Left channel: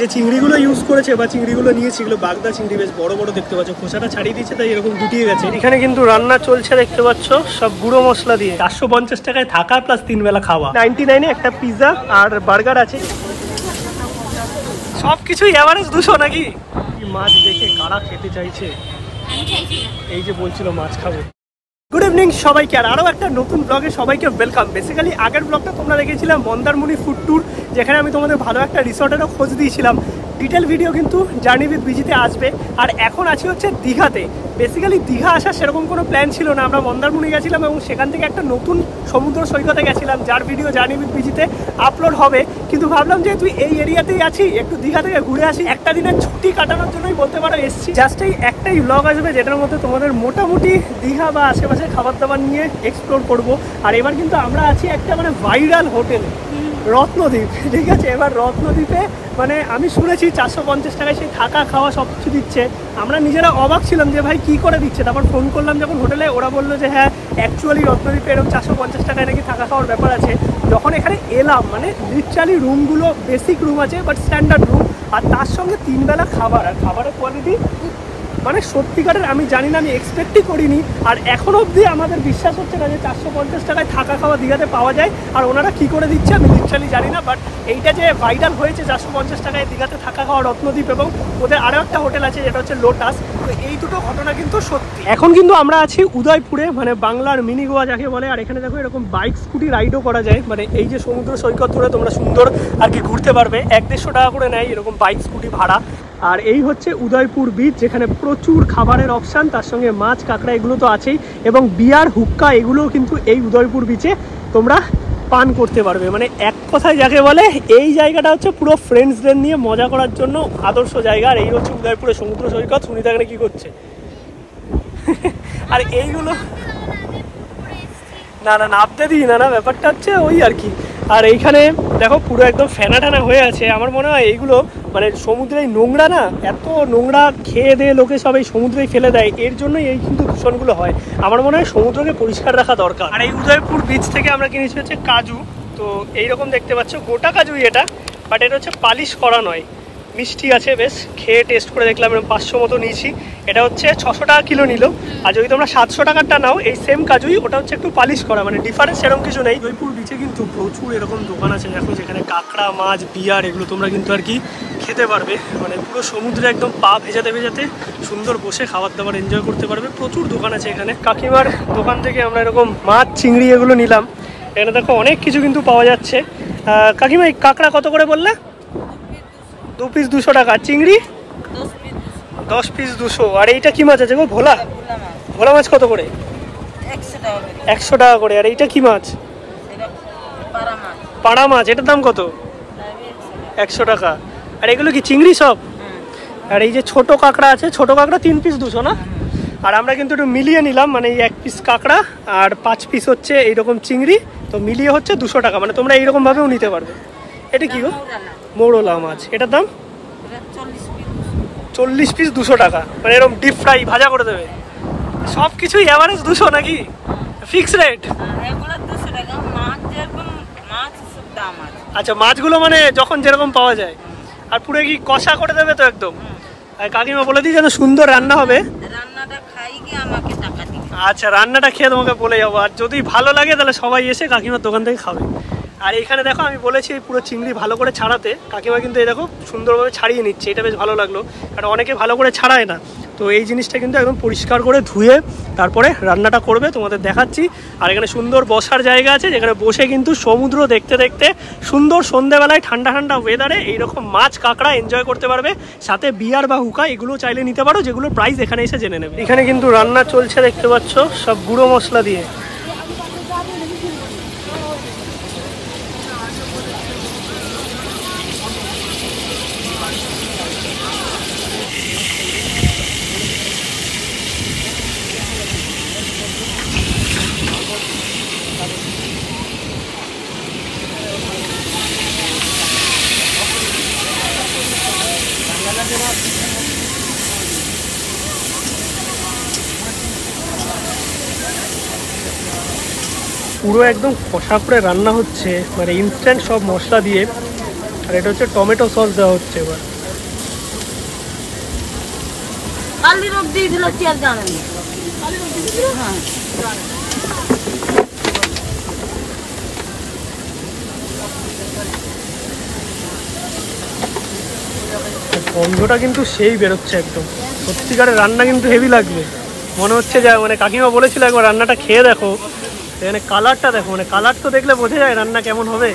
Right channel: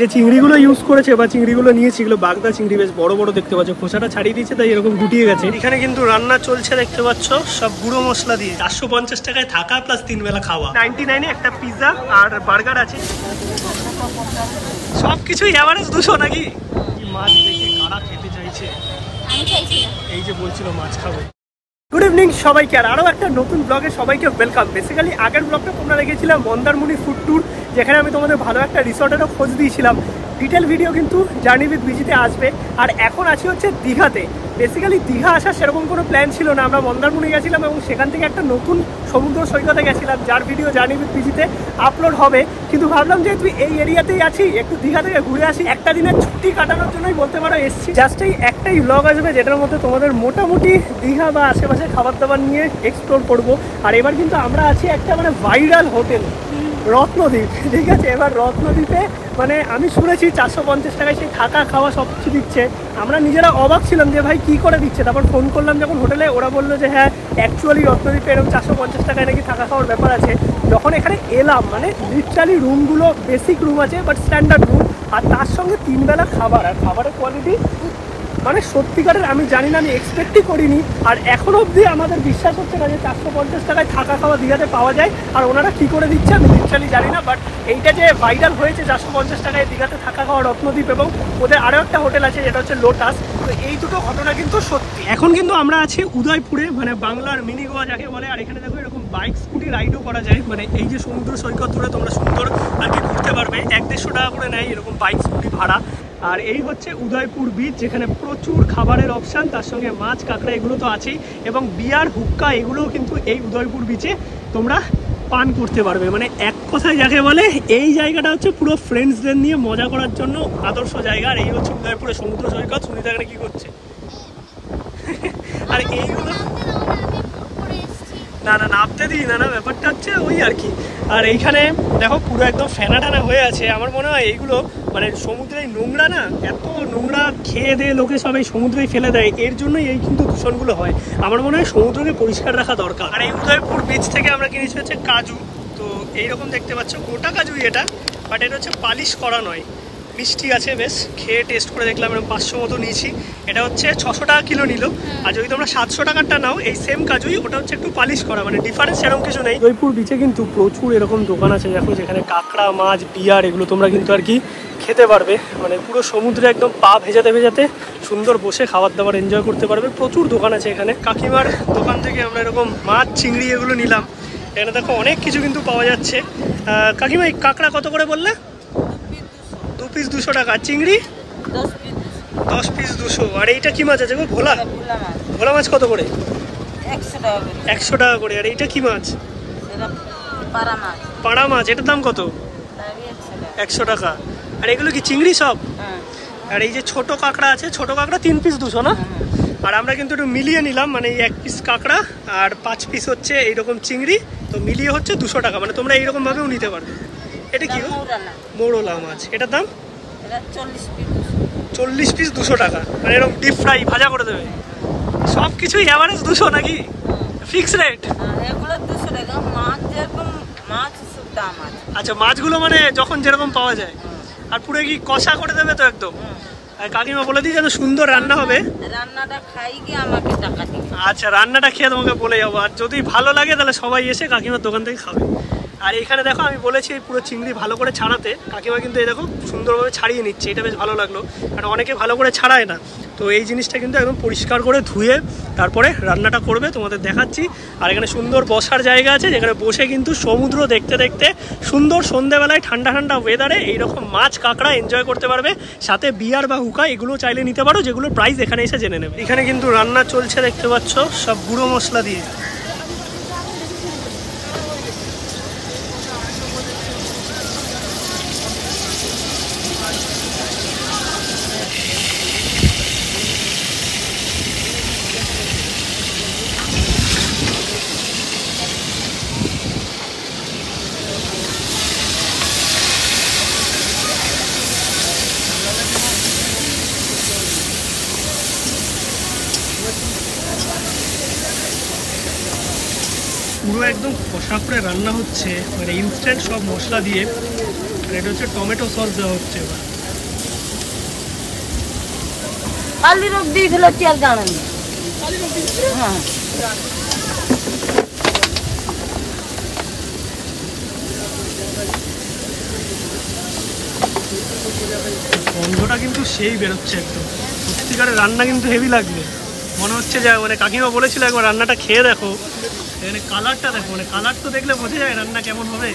যে চিংড়িগুলো ইউজ করেছে বা চিংড়িগুলো নিয়েছে এগুলো বাগদা চিংড়ি, বেশ বড় বড় দেখতে পাচ্ছ, খোসাটা ছাড়িয়ে দিয়েছে তাই এরকম গুটিয়ে গেছে। এখানে কিন্তু রান্না চলছে দেখতে পাচ্ছ, সব গুঁড়ো মশলা দিয়ে। 450 টাকায় থাকা প্লাস 3 বেলা খাওয়া। 99 একটা পিৎজা আর বার্গার আছে। সবকিছুই এভারেজ 200 নাকি? মাছ দেখে কারা খেতে চাইছে? এই যে বলছিল মাছ খাবে। গুড ইভিনিং সবাইকে, আর আরও একটা নতুন ব্লগে সবাইকে ওয়েলকাম। বেসিক্যালি আগের ব্লগটা তোমরা দেখেছিলাম মন্দারমণি ফুড ট্যুর, যেখানে আমি তোমাদের ভালো একটা রিসর্টেরও খোঁজ দিয়েছিলাম। ডিটেল ভিডিও কিন্তু জার্নি উইথ বিজিতে আসবে। আর এখন আছি হচ্ছে দীঘাতে। বেসিক্যালি দীঘা আসার সেরকম কোনো প্ল্যান ছিল না, আমরা মন্দারমণি গেছিলাম এবং সেখান থেকে একটা নতুন সমুদ্র সৈকতে গেছিলাম, যার ভিডিও জার্নি উইথ বিজিতে আপলোড হবে। কিন্তু ভাবলাম যে তুই এই এরিয়াতেই আছি, একটু দীঘা থেকে ঘুরে আসি। একটা দিনের ছুটি কাটানোর জন্যই বলতে পারো এসেছি। জাস্ট এই একটাই ব্লগ আসবে যেটার মধ্যে তোমাদের মোটামুটি দীঘা বা আশেপাশে খাবার দাবার নিয়ে এক্সপ্লোর করবো। আর এবার কিন্তু আমরা আছি একটা মানে ভাইরাল হোটেল, রত্নদ্বীপ। ঠিক আছে, এবার রত্নদ্বীপে মানে আমি শুনেছি 450 টাকায় সে থাকা খাওয়া সব কিছু দিচ্ছে। আমরা নিজেরা অবাক ছিলাম যে ভাই কী করে দিচ্ছে। তারপর ফোন করলাম যখন হোটেলে, ওরা বললো যে হ্যাঁ অ্যাকচুয়ালি রত্নদ্বীপে এরকম 450 টাকায় নাকি থাকা খাওয়ার ব্যাপার আছে। যখন এখানে এলাম মানে লিটারালি রুমগুলো বেসিক রুম আছে বাট স্ট্যান্ডার্ড রুম, আর তার সঙ্গে 3 বেলা খাবার। আর খাবারের কোয়ালিটি মানে সত্যিকারের আমি জানি না, আমি এক্সপেক্টই করিনি। আর এখনো অবধি আমাদের বিশ্বাস হচ্ছে না যে 450 টাকায় থাকা খাওয়া দীঘাতে পাওয়া যায়। আর ওনারা কী করে দিচ্ছে আমি লিটারালি জানি না, বাট এইটা যে ভাইরাল হয়েছে 450 টাকায় দীঘাতে থাকা খাওয়া রত্নদ্বীপ, এবং ওদের আরও একটা হোটেল আছে যেটা হচ্ছে লোটাস, তো এই দুটো ঘটনা কিন্তু সত্যি। এখন কিন্তু আমরা আছি উদয়পুরে, মানে বাংলার মিনি গোয়া যাকে বলে। আর এখানে দেখো এরকম বাইক স্কুটি রাইডও করা যায়, মানে এই যে সমুদ্র সৈকত ধরে তোমরা সুন্দর আর কি ঘুরতে পারবে। 100-150 টাকা করে নেয় এরকম বাইক স্কুটি ভাড়া। আর এই হচ্ছে উদয়পুর বিচ, যেখানে প্রচুর খাবারের অপশান, তার সঙ্গে মাছ কাঁকড়া এগুলো তো আছেই, এবং বিয়ার হুক্কা এগুলোও কিন্তু এই উদয়পুর বিচে তোমরা পান করতে পারবে। মানে এক কথায় যাকে বলে এই জায়গাটা হচ্ছে পুরো ফ্রেন্ডসদের নিয়ে মজা করার জন্য আদর্শ জায়গা। আর এই হচ্ছে উদয়পুরের সমুদ্র সৈকত। সুনিতা এখানে কি করছে? আর এইগুলো না না নামতে দিই না, ব্যাপারটা হচ্ছে ওই আর কি। আর এইখানে দেখো পুরো একদম ফেনা টানা হয়ে আছে। আমার মনে হয় এইগুলো মানে সমুদ্রেই নোংরা না, এত নোংরা খেয়ে দিয়ে লোকে সব এই সমুদ্রেই ফেলে দেয়, এর জন্যই এই কিন্তু দূষণগুলো হয়। আমার মনে হয় সমুদ্রকে পরিষ্কার রাখা দরকার। আর এই উদয়পুর বিচ থেকে আমরা কিনেছি হচ্ছে কাজু। তো এইরকম দেখতে পাচ্ছ গোটা কাজুই এটা, বাট এটা হচ্ছে পালিশ করা নয়। মিষ্টি আছে বেশ, খেয়ে টেস্ট করে দেখলাম, এরকম 500 মতো নিয়েছি। এটা হচ্ছে 600 টাকা কিলো নিল। আর যদি তোমরা 700 টাকারটা নাও এই সেম কাজুই, ওটা হচ্ছে একটু পালিশ করা, মানে ডিফারেন্স এরকম কিছু নেই। জয়পুর বিচে কিন্তু প্রচুর এরকম দোকান আছে দেখো, যেখানে কাঁকড়া মাছ বিয়ার এগুলো তোমরা কিন্তু আর কি খেতে পারবে। মানে পুরো সমুদ্রে একদম পা ভেজাতে ভেজাতে সুন্দর বসে খাবার দাবার এনজয় করতে পারবে। প্রচুর দোকান আছে এখানে। কাকিমার দোকান থেকে আমরা এরকম মাছ চিংড়ি এগুলো নিলাম। এখানে দেখো অনেক কিছু কিন্তু পাওয়া যাচ্ছে। কাকিমা এই কাঁকড়া কত করে বললে? 2 পিস 200 টাকা। চিংড়ি 10 পিস 200। আর এইটা কি মাছ আছে গো? ভোলা। ভোলা মাছ কত করে? 100 টাকা করে। আর এইটা কি মাছ? পাড়া মাছ। এটার দাম কত? 100 টাকা। আর এগুলো কি চিংড়ি সব? আর এই যে ছোট কাঁকড়া আছে, ছোট কাঁকড়া 3 পিস 200 না? আর আমরা কিন্তু একটু মিলিয়ে নিলাম, মানে এই 1 পিস কাঁকড়া আর 5 পিস হচ্ছে এইরকম চিংড়ি, তো মিলিয়ে হচ্ছে 200 টাকা। মানে তোমরা এইরকম ভাবেও নিতে পারবে। এটা কি গো? মৌরলা মাছ। এটার দাম 40 পিস 200 টাকা। মানে এরকম ডিপ ফ্রাই ভাজা করে দেবে। সব কিছুই এভারেজ 200 নাকি? Fix rate? আচ্ছা, মাছগুলো মানে যখন যেরকম পাওয়া যায়। আর পুরো কি কষা করে দেবে তো একদম? আর কাকিমা বলে দিই যেন সুন্দর রান্না হবে। আচ্ছা, রান্নাটা খেয়ে তোমাকে বলে যাবো। আর যদি ভালো লাগে তাহলে সবাই এসে কাকিমার দোকান থেকে খাবে। আর এইখানে দেখো আমি বলেছি পুরো চিংড়ি ভালো করে ছাড়াতে, কাকিমা কিন্তু এই দেখো সুন্দরভাবে ছাড়িয়ে নিচ্ছে। এটা বেশ ভালো লাগলো, কারণ অনেকে ভালো করে ছাড়ায় না। তো এই জিনিসটা কিন্তু একদম পরিষ্কার করে ধুয়ে তারপরে রান্নাটা করবে, তোমাদের দেখাচ্ছি। আর এখানে সুন্দর বসার জায়গা আছে, যেখানে বসে কিন্তু সমুদ্র দেখতে দেখতে সুন্দর সন্ধ্যেবেলায় ঠান্ডা ঠান্ডা ওয়েদারে এইরকম মাছ কাঁকড়া এনজয় করতে পারবে। সাথে বিয়ার বা হুকা এগুলো চাইলে নিতে পারো, যেগুলোর প্রাইস এখানে এসে জেনে নেবে। এখানে কিন্তু রান্না চলছে দেখতে পাচ্ছ, সব গুঁড়ো মশলা দিয়ে। পুরো একদম কষা করে রান্না হচ্ছে, মানে ইনস্ট্যান্ট সব মশলা দিয়ে। আর এটা হচ্ছে টমেটো সস দেওয়া হচ্ছে এবার। গন্ধটা কিন্তু সেই বেরোচ্ছে একদম, সত্যিকারের রান্না কিন্তু হেভি লাগবে মনে হচ্ছে। যা মানে কাকিমা বলেছিল একবার রান্নাটা খেয়ে দেখো, এখানে কালারটা দেখো, মানে কালার তো দেখলে বোঝা যায় রান্না কেমন হবে।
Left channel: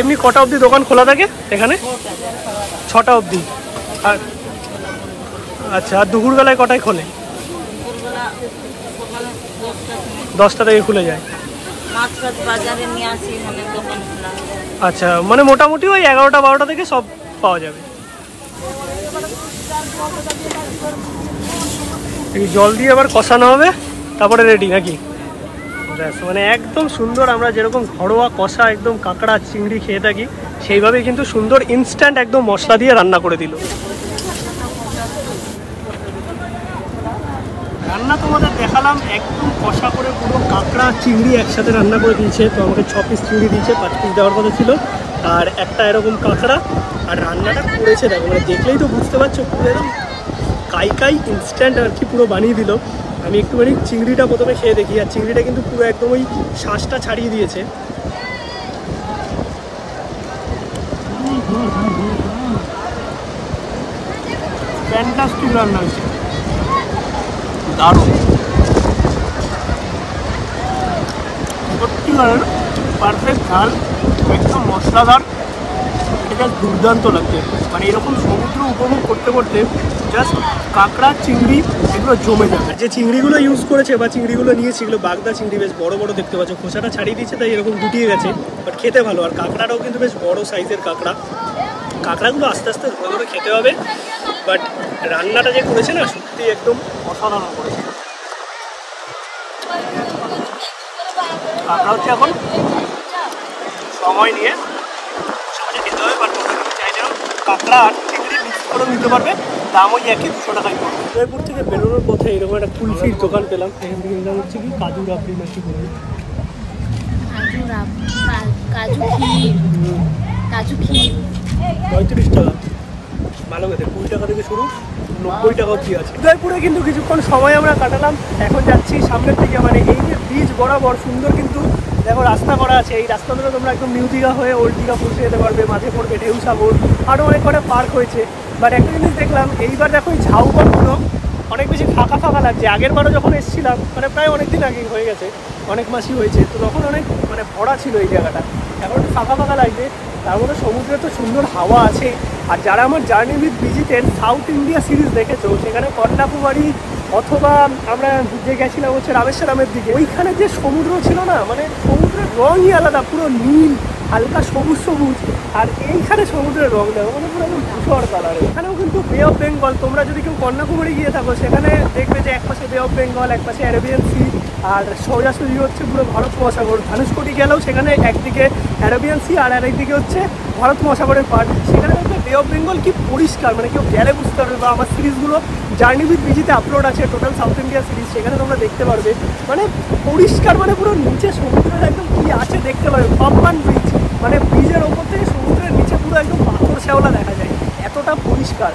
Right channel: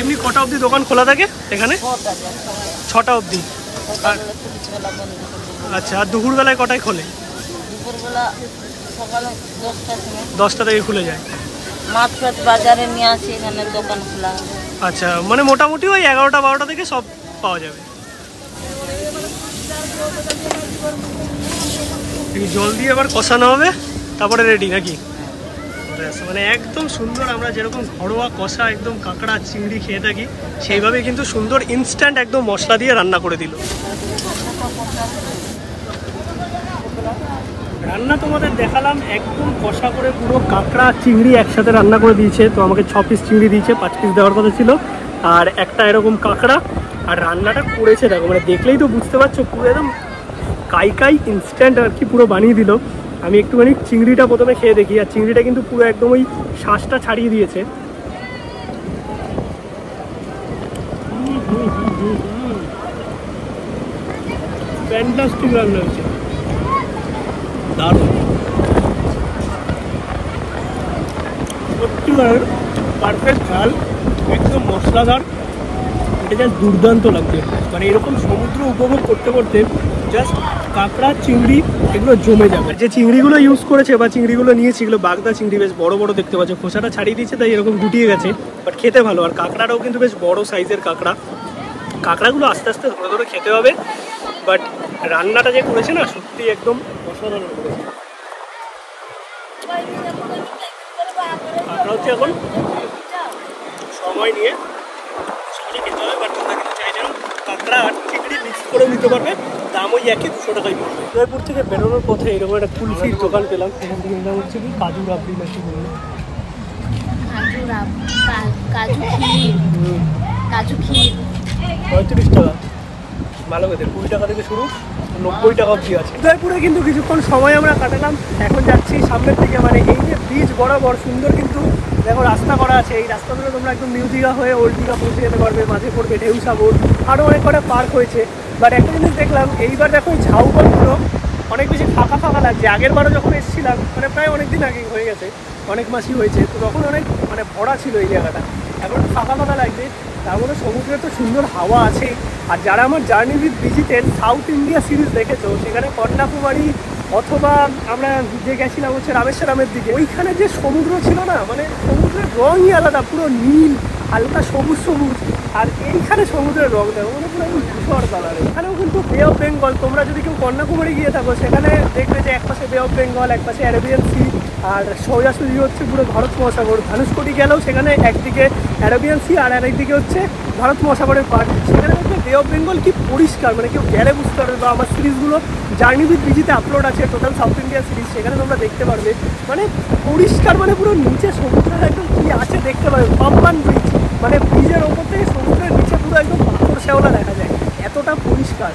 এমনি কটা অবধি দোকান খোলা থাকে এখানে? 6টা অবধি। আর আচ্ছা, আর দুপুরবেলায় কটায় খোলে? 10টা থেকে খুলে যায়। আচ্ছা, মানে মোটামুটি ওই 11টা 12টা থেকে সব পাওয়া যাবে। এই জল দিয়ে আবার কষানো হবে, তারপরে রেডি নাকি? ব্যাস, মানে একদম সুন্দর আমরা যেরকম ঘরোয়া কষা একদম কাঁকড়া চিংড়ি খেয়ে থাকি সেইভাবেই কিন্তু সুন্দর ইনস্ট্যান্ট একদম মশলা দিয়ে রান্না করে দিল। রান্না তোমাদের দেখালাম, একদম কষা করে পুরো কাঁকড়া চিংড়ি একসাথে রান্না করে দিয়েছে। তো আমাকে 6 পিস চিংড়ি দিয়েছে, 5 পিস দেওয়ার কথা ছিল, আর একটা এরকম কাঁকড়া। আর রান্নাটা করেছে দেখো, মানে দেখলেই তো বুঝতে পারছো পুরো একদম কাই ইনস্ট্যান্ট আর কি পুরো বানিয়ে দিল। আমি একটুখানি চিংড়িটা প্রথমে খেয়ে দেখি, আর চিংড়িটা কিন্তু পুরো একদম ওই শ্বাসটা ছাড়িয়ে দিয়েছে। ফ্যান্টাস্টিক রান্না হচ্ছে, দারুণ, সত্যিকারের পারফেক্ট ঝাল, একদম মশলাদার, এটা জাস্ট দুর্দান্ত লাগছে। মানে এরকম সমুদ্র উপভোগ করতে করতে জাস্ট কাঁকড়া চিংড়ি এগুলো জমে যাবে। যে চিংড়িগুলো ইউজ করেছে বা চিংড়িগুলো নিয়েছি, এগুলো বাগদা চিংড়ি, বেশ বড় বড় দেখতে পাচ্ছ, খোসাটা ছাড়িয়ে দিয়েছে তাই এরকম গুটিয়ে গেছে, বাট খেতে ভালো। আর কাঁকড়াটাও কিন্তু বেশ বড় সাইজের কাঁকড়া। কাঁকড়াগুলো আস্তে আস্তে ধরে ধরে খেতে হবে, বাট রান্নাটা যে করেছে না সত্যি একদম অসাধারণ করেছে। কাঁকড়া হচ্ছে এখন সময় নিয়ে খেতে হবে, বাট তোমরা কিন্তু চাইলেও কাঁকড়া আর চিংড়ি মিক্স করেও নিতে পারবে, দাম ওই একই 200 টাকাই পড়বে। জয়পুর থেকে বেরোনোর পথে এরকম একটা কুলফির দোকান পেলাম, এখান থেকে নাম হচ্ছে কি কাজু রাবড়ি নাকি বললো, কাজু ক্ষীর 35 টাকা। ভালো খেতে, 20 টাকা থেকে শুরু, 90 টাকা অবধি আছে। উদয়পুরে কিন্তু কিছুক্ষণ সময় আমরা কাটালাম, এখন যাচ্ছি সামনের দিকে। মানে এই যে ব্রিজ বরাবর সুন্দর কিন্তু দেখো রাস্তা করা আছে, এই রাস্তা ধরে তোমরা একদম নিউ দীঘা হয়ে ওল্ড দীঘা পৌঁছে যেতে পারবে। মাঝে পড়বে ঢেউসাগর, আরও অনেক কটা পার্ক হয়েছে। বাট একটা জিনিস দেখলাম, এইবার দেখো এই ঝাউবনগুলো অনেক বেশি ফাঁকা ফাঁকা লাগছে। আগের বারও যখন এসেছিলাম, মানে প্রায় অনেক দিন আগে হয়ে গেছে, অনেক মাসই হয়েছে, তো তখন অনেক মানে ভরা ছিল এই জায়গাটা, এখন ফাঁকা ফাঁকা লাগছে। তার মধ্যে সমুদ্রে তো সুন্দর হাওয়া আছে। আর যারা আমার journey with visited south India series দেখেছো, সেখানে কন্যাকুমারী অথবা আমরা যে গেছিলাম হচ্ছে রামেশ্বরমের দিকে, ওইখানে যে সমুদ্র ছিল না, মানে সমুদ্রের রঙই আলাদা, পুরো নীল হালকা সবুজ সবুজ। আর এইখানে সমুদ্রের রং দেখো, মানে পুরো একদম ধূসর কালারে। এখানেও কিন্তু বে অফ বেঙ্গল, তোমরা যদি কেউ কন্যাকুমারী গিয়ে থাকো সেখানে দেখবে যে একপাশে বে অফ বেঙ্গল, একপাশে অ্যারাবিয়ান সি, আর সোজাসুজি হচ্ছে পুরো ভারত মহাসাগর। ধনুষকোটি গেলেও সেখানে একদিকে অ্যারাবিয়ান সি আর আরেকদিকে হচ্ছে ভারত মহাসাগরের পাড়। সেখানে কিন্তু বে অফ বেঙ্গল কি পরিষ্কার, মানে কেউ গেলে বুঝতে পারবে। বা আমার সিরিজগুলো জার্নি উইথ ভিজিতে আপলোড আছে, টোটাল সাউথ ইন্ডিয়া সিরিজ, সেখানে তোমরা দেখতে পারবে। মানে পরিষ্কার, মানে পুরো নিচে সমুদ্রের একদম কি আছে দেখতে পারবে। পাম্পান ব্রিজ, মানে ব্রিজের ওপর থেকে সমুদ্রের নিচে পুরো একদম পাথর শ্যাওলা দেখা যায়, এতটা পরিষ্কার।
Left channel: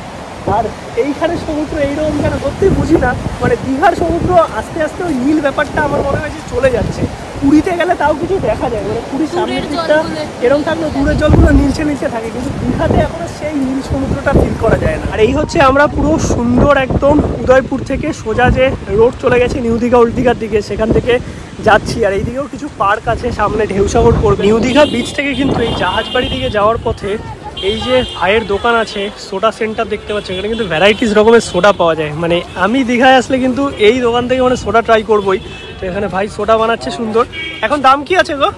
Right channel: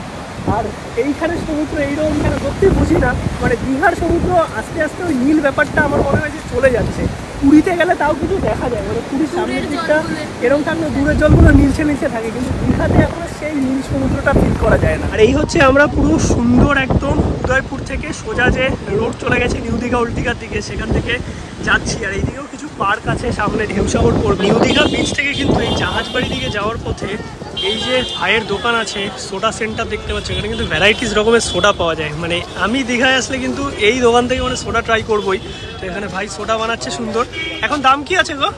আর এইখানে সমুদ্র এইরকম যেন সত্যিই বুঝি না, মানে দীঘার সমুদ্র আস্তে আস্তে ওই নীল ব্যাপারটা আমার মনে হয় যে চলে যাচ্ছে। পুরীতে গেলে তাও কিছু দেখা যায়, মানে পুরীর সামনের দিকটা এরকম থাকলে দূরের জলগুলো নীলচে নীলচে থাকে, কিন্তু দীঘাতে এখনো সেই নীল সমুদ্রটা ফিল করা যায় না। আর এই হচ্ছে আমরা পুরো সুন্দর একদম উদয়পুর থেকে সোজা যে রোড চলে গেছে নিউ দীঘা ওল্ড দীঘার দিকে, সেখান থেকে যাচ্ছি। আর এইদিকেও কিছু পার্ক আছে, সামনে ঢেউসাগর পড়বে। নিউ দীঘা বিচ থেকে কিন্তু এই জাহাজবাড়ি দিকে যাওয়ার পথে এই যে ভাইয়ের দোকান আছে, সোডা সেন্টার দেখতে পাচ্ছ, এখানে কিন্তু ভ্যারাইটিস রকমের সোডা পাওয়া যায়। মানে আমি দীঘায় আসলে কিন্তু এই দোকান থেকে মানে সোডা ট্রাই করবোই। তো এখানে ভাই সোডা বানাচ্ছে সুন্দর। এখন দাম কি আছে গো?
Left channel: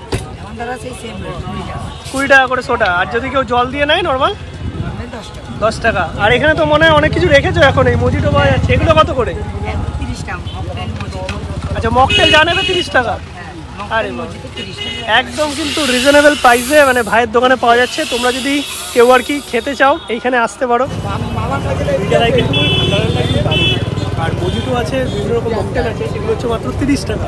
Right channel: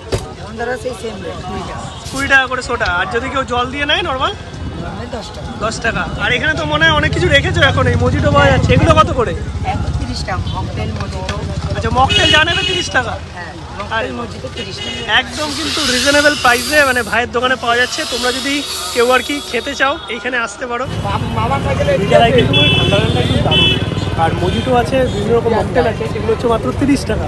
20 টাকা করে সোডা। আর যদি কেউ জল দিয়ে নেয় নর্মাল 10 টাকা। আর এখানে তো মনে হয় অনেক কিছু রেখেছো এখন, এই মজিটো পাওয়া যাচ্ছে, এগুলো কত করে? 30 টাকা মকটেল মজিটো। আচ্ছা, মকটেল জানেবে 30 টাকা। আরে একদম কিন্তু রিজনেবল প্রাইসে মানে ভাইয়ের দোকানে পাওয়া যাচ্ছে। তোমরা যদি কেউ আর কি খেতে চাও এইখানে আসতে পারো। কিন্তু ঠান্ডা ঠান্ডা কিন্তু দারুণ। আর মজিটো আছে, বিভিন্ন রকম মকটেল আছে, সেগুলো হচ্ছে মাত্র 30 টাকা।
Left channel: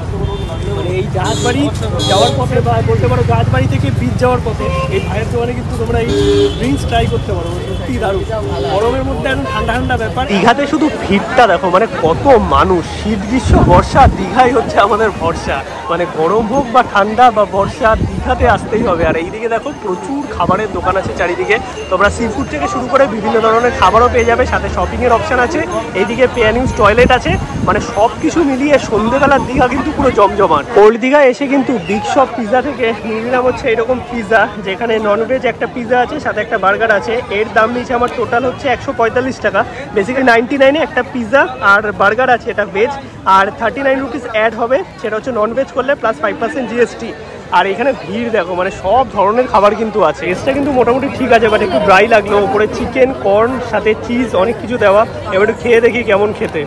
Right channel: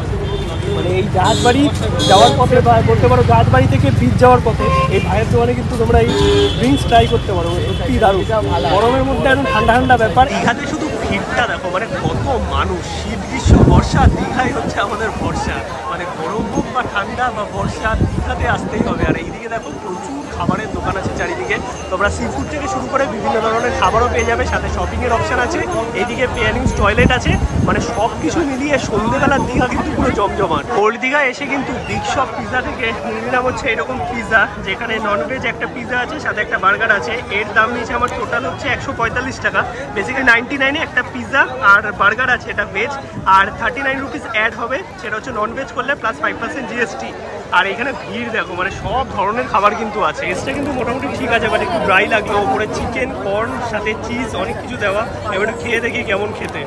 মানে এই জাহাজবাড়ি যাওয়ার পথে বা বলতে পারো জাহাজবাড়ি থেকে বিচ যাওয়ার পথে এই ভাইয়ের দোকানে কিন্তু তোমরা এই ড্রিঙ্কস ট্রাই করতে পারো, সত্যিই দারুণ। গরমের মধ্যে একদম ঠান্ডা ঠান্ডা ব্যাপার। দীঘাতে শুধু ভিড়টা দেখো, মানে কত মানুষ, শীত গ্রীষ্ম বর্ষা দীঘাই হচ্ছে আমাদের ভরসা। মানে গরম হোক বা ঠান্ডা বা বর্ষা দীঘাতে আসতেই হবে। আর এইদিকে দেখো প্রচুর খাবারের দোকান আছে চারিদিকে, তোমরা সি ফুড থেকে শুরু করে বিভিন্ন ধরনের খাবারও পেয়ে যাবে, সাথে শপিংয়ের অপশান আছে। এইদিকে পেয়ার ইউজ টয়লেট আছে, মানে সব কিছু মিলিয়ে সন্ধ্যেবেলার দীঘা কিন্তু পুরো জমজমাট। ওল্ড দীঘা এসে কিন্তু বিগ শপ পিৎজা থেকে নিয়ে নিলাম হচ্ছে এরকম পিৎজা, যেখানে ননভেজ একটা পিৎজা আছে, সাথে একটা বার্গার আছে। এর দাম নিয়েছে আমার টোটাল হচ্ছে 145 টাকা। বেসিক্যালি 99-এ একটা পিৎজা আর বার্গার আছে, এটা ভেজ, আর 39 রুপিস অ্যাড হবে, সেটা হচ্ছে ননভেজ করলে প্লাস 5% জিএসটি। আর এখানে ভিড় দেখো, মানে সব ধরনের খাবার কিন্তু আছে। টেস্টটা কিন্তু মোটামুটি ঠিক আছে, বাট একটু ড্রাই লাগলো। ওপরে চিকেন, কর্ন, সাথে চিজ, অনেক কিছু দেওয়া। এবার একটু খেয়ে দেখি কেমন খেতে।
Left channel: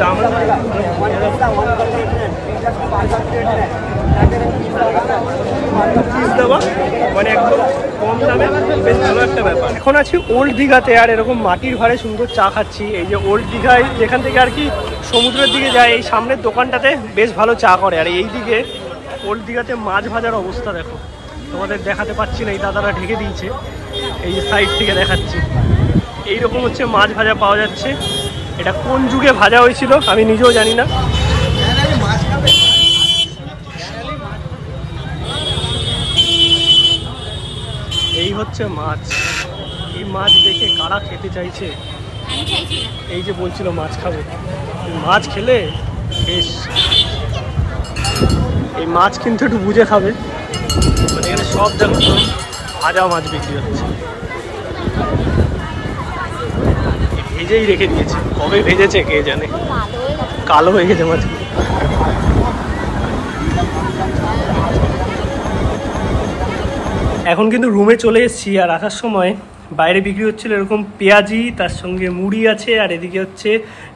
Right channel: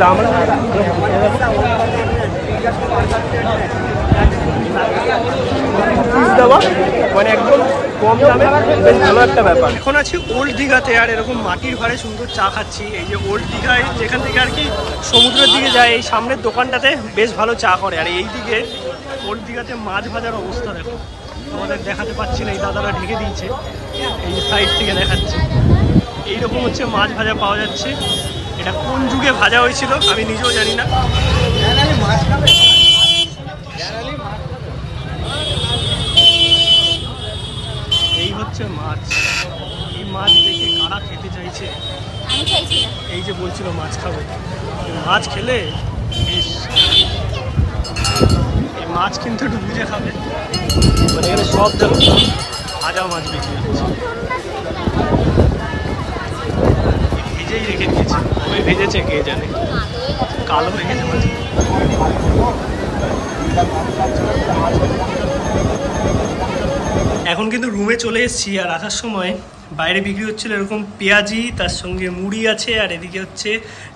দাম পিস দেওয়া, মানে একদম কম দামে, বেশ ভালো একটা ব্যাপার। এখন আছি ওল্ড দীঘাতে, আর এরকম মাটির ভাড়ে সুন্দর চা খাচ্ছি। এই যে ওল্ড দীঘায় যেখান থেকে আর কি সমুদ্রের দিকে যায়, এই সামনের দোকানটাতে বেশ ভালো চা করে। আর এই দিকে ওল্ড দীঘাতে মাছ ভাজার অবস্থা দেখো, তোমাদের দেখাতে পাচ্ছি না, এই দাদারা ঢেকে দিয়েছে, এই যে সাইড থেকে দেখাচ্ছি। এইরকম হচ্ছে মাছ ভাজা পাওয়া যাচ্ছে। এটা কোন যুগে ভাজা হয়েছিল আমি নিজেও জানি না। এই হচ্ছে মাছ। এই মাছ দেখে কারা খেতে চাইছে? এই যে বলছিল মাছ খাবে, মাছ খেলে এই মাছ কিন্তু একটু বুঝে খাবে। মানে এখানে সব যেন ভাজা মাছ বিক্রি হচ্ছে, ভেজেই রেখে দিয়েছে, কবে ভেজেছে কে জানে, কালো হয়ে গেছে মাছ। এখন কিন্তু রুমে চলে এসেছি, আর আসার সময় বাইরে বিক্রি হচ্ছিল এরকম পেঁয়াজি, তার সঙ্গে মুড়ি আছে, আর এদিকে হচ্ছে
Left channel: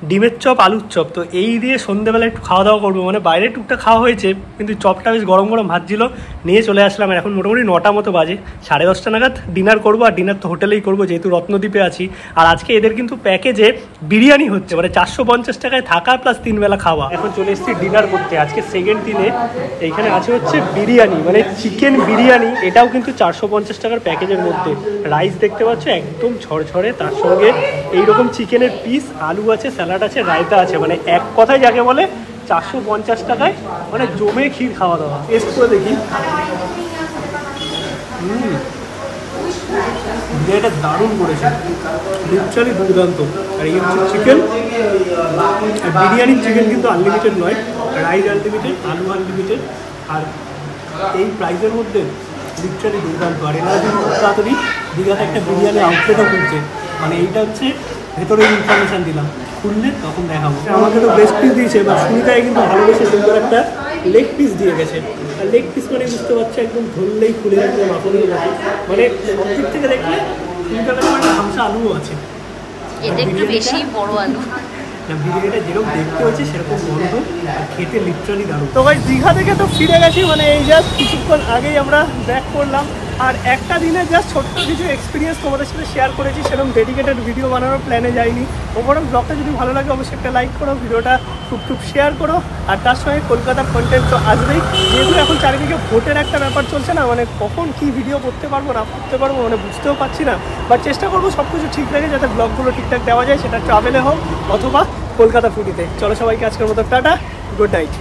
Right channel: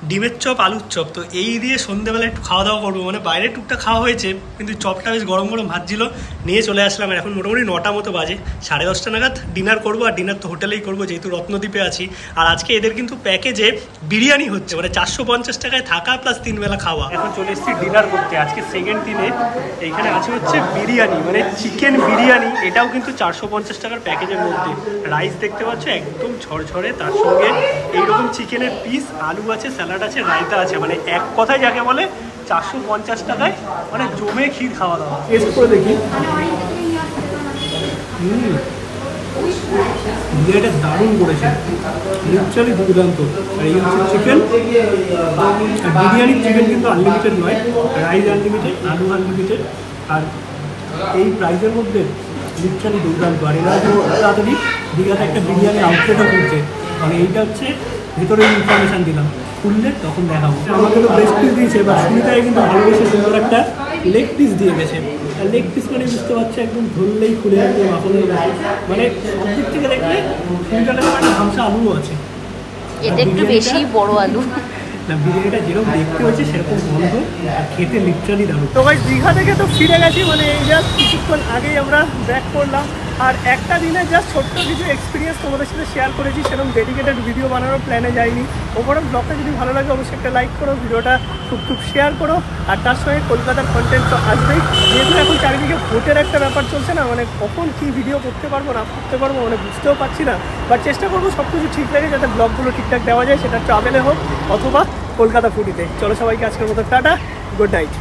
ডিমের চপ, আলুর চপ। তো এই দিয়ে সন্ধ্যেবেলা একটু খাওয়া দাওয়া করবো। মানে বাইরে টুকটা খাওয়া হয়েছে, কিন্তু চপটা বেশ গরম গরম ভাজছিল, নিয়ে চলে আসলাম। আর এখন মোটামুটি 9টা মতো বাজে, 10:30 নাগাদ ডিনার করবো। আর ডিনার তো হোটেলেই করবো, যেহেতু রত্নদ্বীপে আছি। আর আজকে এদের কিন্তু প্যাকেজে বিরিয়ানি হচ্ছে, মানে 450 টাকায় থাকা প্লাস 3 বেলা খাওয়া। এখন চলে এসেছি ডিনার করতে, আজকে সেকেন্ড দিনে। এইখানে আছে হচ্ছে বিরিয়ানি, মানে চিকেন বিরিয়ানি, এটাও কিন্তু 450 টাকার প্যাকেজের মধ্যে। রাইস দেখতে পাচ্ছ একদম ঝরঝরে, তার সঙ্গে এইরকম চিকেনের পিস, আলু আছে, স্যালাড আছে, রায়তা আছে। মানে এক কথায় যাকে বলে 450 টাকায় মানে জমে ক্ষীর খাওয়া দাওয়া। টেস্ট করে দেখি, বিরিয়ানিটা দারুণ করেছে, লিটারালি দুর্দান্ত। আর এই হচ্ছে চিকেন, আর বিরিয়ানির চিকেন কিন্তু আনলিমিটেড নয়, রাইস আনলিমিটেড, আলু আনলিমিটেড। আর এই প্রাইসের মধ্যে লিটারালি দুর্দান্ত। আর এরা কিন্তু তাড়াতাড়ি দীঘাতে একটা বিরিয়ানি আউটলেটও খুলছে। মানে এইটা হচ্ছে ভেতরে ইনফরমেশান দিলাম, খুললে তখন দেখাবো। আমাকে তো ব্রেস্ট পিস দিয়েছে, বা সুনিতায় কিন্তু ভালোবেসে সুন্দর একটা লেগ পিস দিয়ে গেছে। আর লেগ পিস মানে বুঝতে পারছে একদম ধরলেই খুলে আসবে মাখনের মতো। মানে সব দিক থেকে দেখলে সুনিতার কাছে একটা ঝামসা আলুও আছে, এটা একটু বেশি বড় আলু। বিরিয়ানিটা যেরকম দেখতে হচ্ছে সেরকম গন্ধ, আর খেতে লিটারালি দারুণ। তো ভাই দীঘা থেকে তো ফিরে গেছি, মানে এই জাস্ট কিছুক্ষণ আগেই আমরা ব্যাক করলাম। আর একটা দিনে জাস্ট ছোট্ট কিছু এক্সপিরিয়েন্স তোমাদের সাথে শেয়ার করেছি, সেরকম ডেডিকেটেড ভিডিও বানানোর প্ল্যানে যাইনি। ওভারঅল ব্লগটা যদি ভালো লাগে অবশ্যই একটা লাইক করো, ভিডিওটা খুব শেয়ার করো। আর তার সঙ্গে কলকাতার কন্টেন্ট তো আসবেই, যেহেতু এখন চারিদিকে ভোটের একটা ব্যাপার চলছে না, মানে কখন কী ভিডিও করতে পারবো না করতে পারবো মানে বুঝতেও পারছি না। বাট চেষ্টা করবো সব কিছু ঠিক রাখে, যাতে ব্লগগুলো ঠিকঠাক দেওয়া যায়, সেটা ট্রাভেলে হোক অথবা কলকাতা ফুডিতে। চলো সবাইকে আজকের মতো টাটা, গুড নাইট।